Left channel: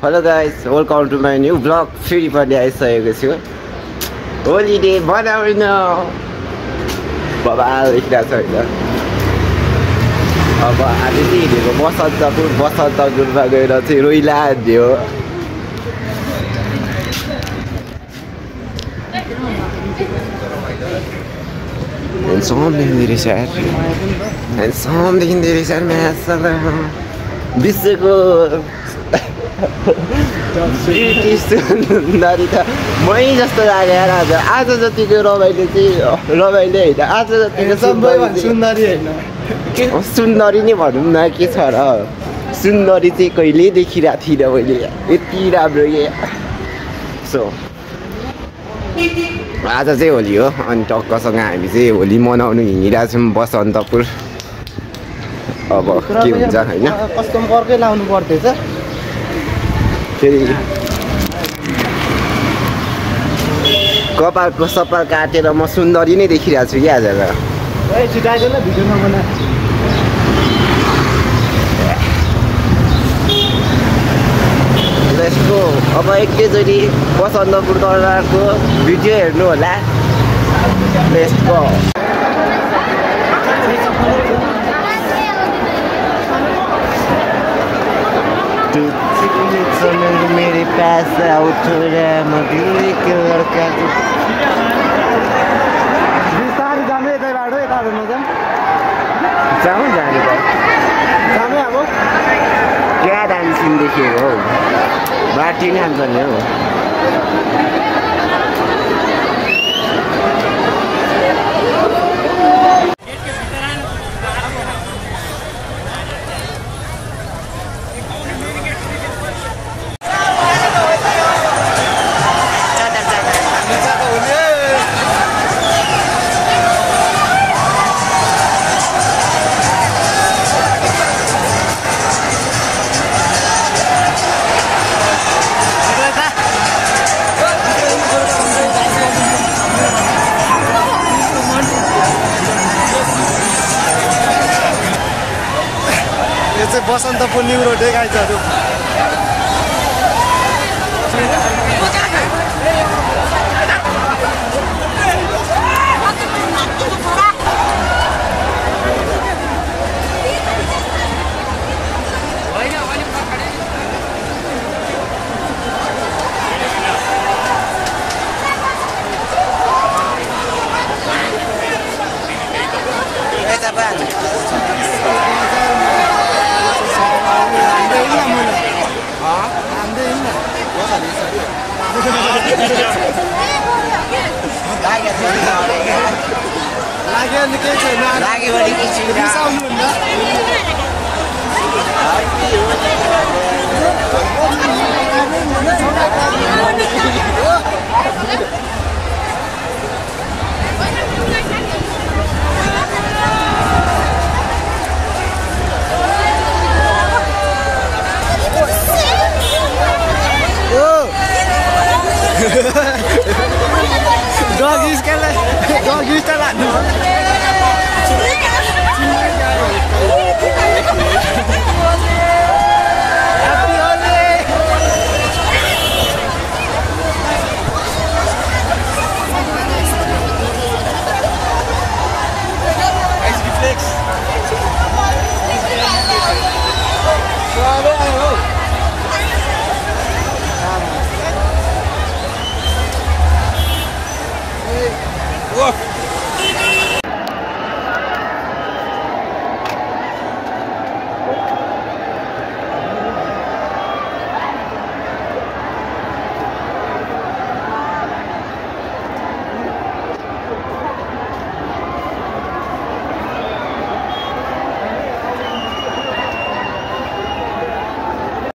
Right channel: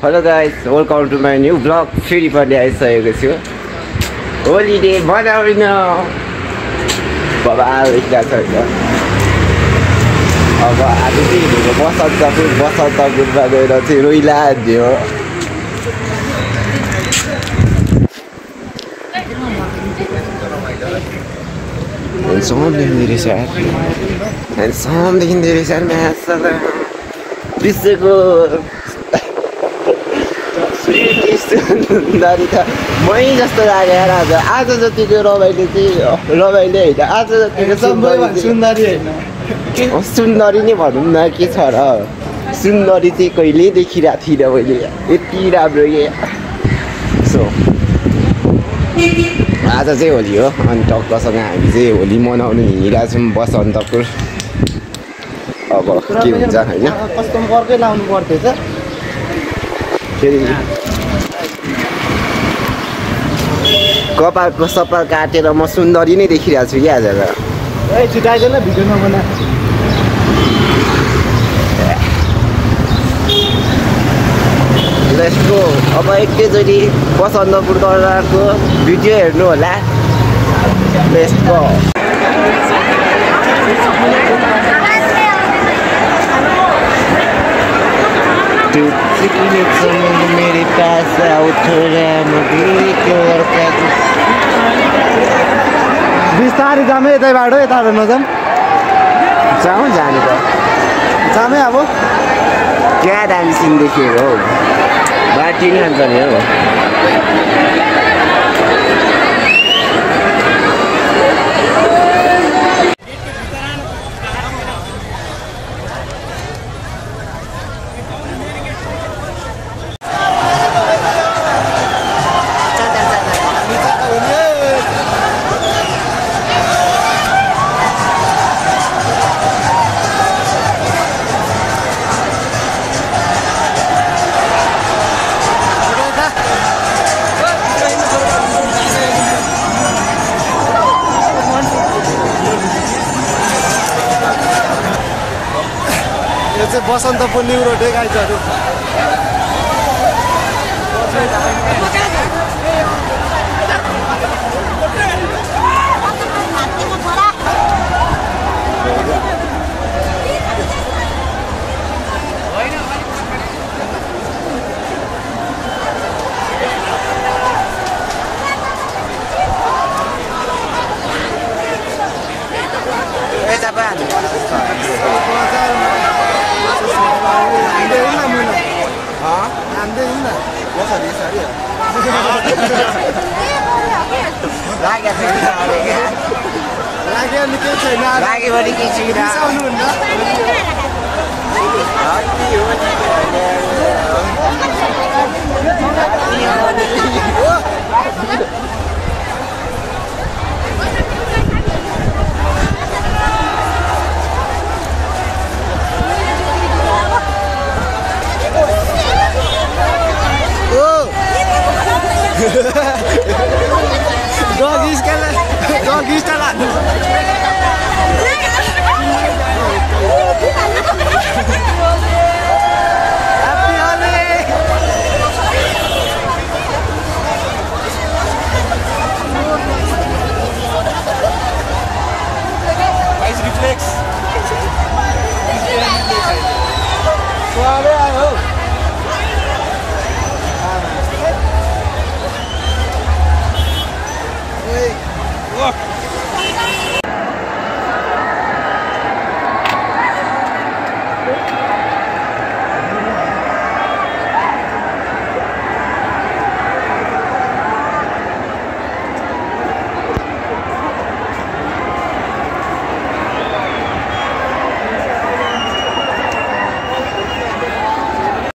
Hello guys, welcome to my new vlog. फेरि पनि आइसकेको छु होलिडे बनाउन बाबा देखिरहेको छ होइन अब आज चाहिँ हिँडेको बसन्तपुरमा गएर चाहिँ रोइला हान्यो Handsome देखिँदै रहेछ म्यासला विश्वको सुन्दरी त मै जस्तो लागेर आज जतिको रमाइलो चाहिँ रमाइलो होइन आज जतिको सुन्दरी नै भनौँ न के छ र सुन्दरी चाहिँ कहिले देखिरहेको थिइनँ मैले यति राम्रो के सो आज चाहिँ होली हो अनि टक्कसँग हामी चाहिँ होली मनाउनु हिँडिरहेको छौँ बसन्तपुर अब के हुन्छ होइन फेरि कपालको सपाल काटेर म सुन्दरी नै देखिरहेको छु कि आज यसको अब एकैचोटि बसन्तपुर दरबारको भिडियो हेर्नु होला लेट्स गो मेरे पास आओ थोड़ा मधुर के लड़का बिस्तारै जामे यतैबाट यता नजाम जाउँ जाने त जामे अब क्या डान्सिङ देखेको हौ बाटी नै खान्छ नि हो यो चाहिँ बसन्तपुर न्यू रोड है गाइजहरु लाग्यो नि केही छैन लाग्यो भने के छु रिसाउनु हुन्न Doggy style. Happy holiday. Nice reflex. Suave ayo. Hey, look.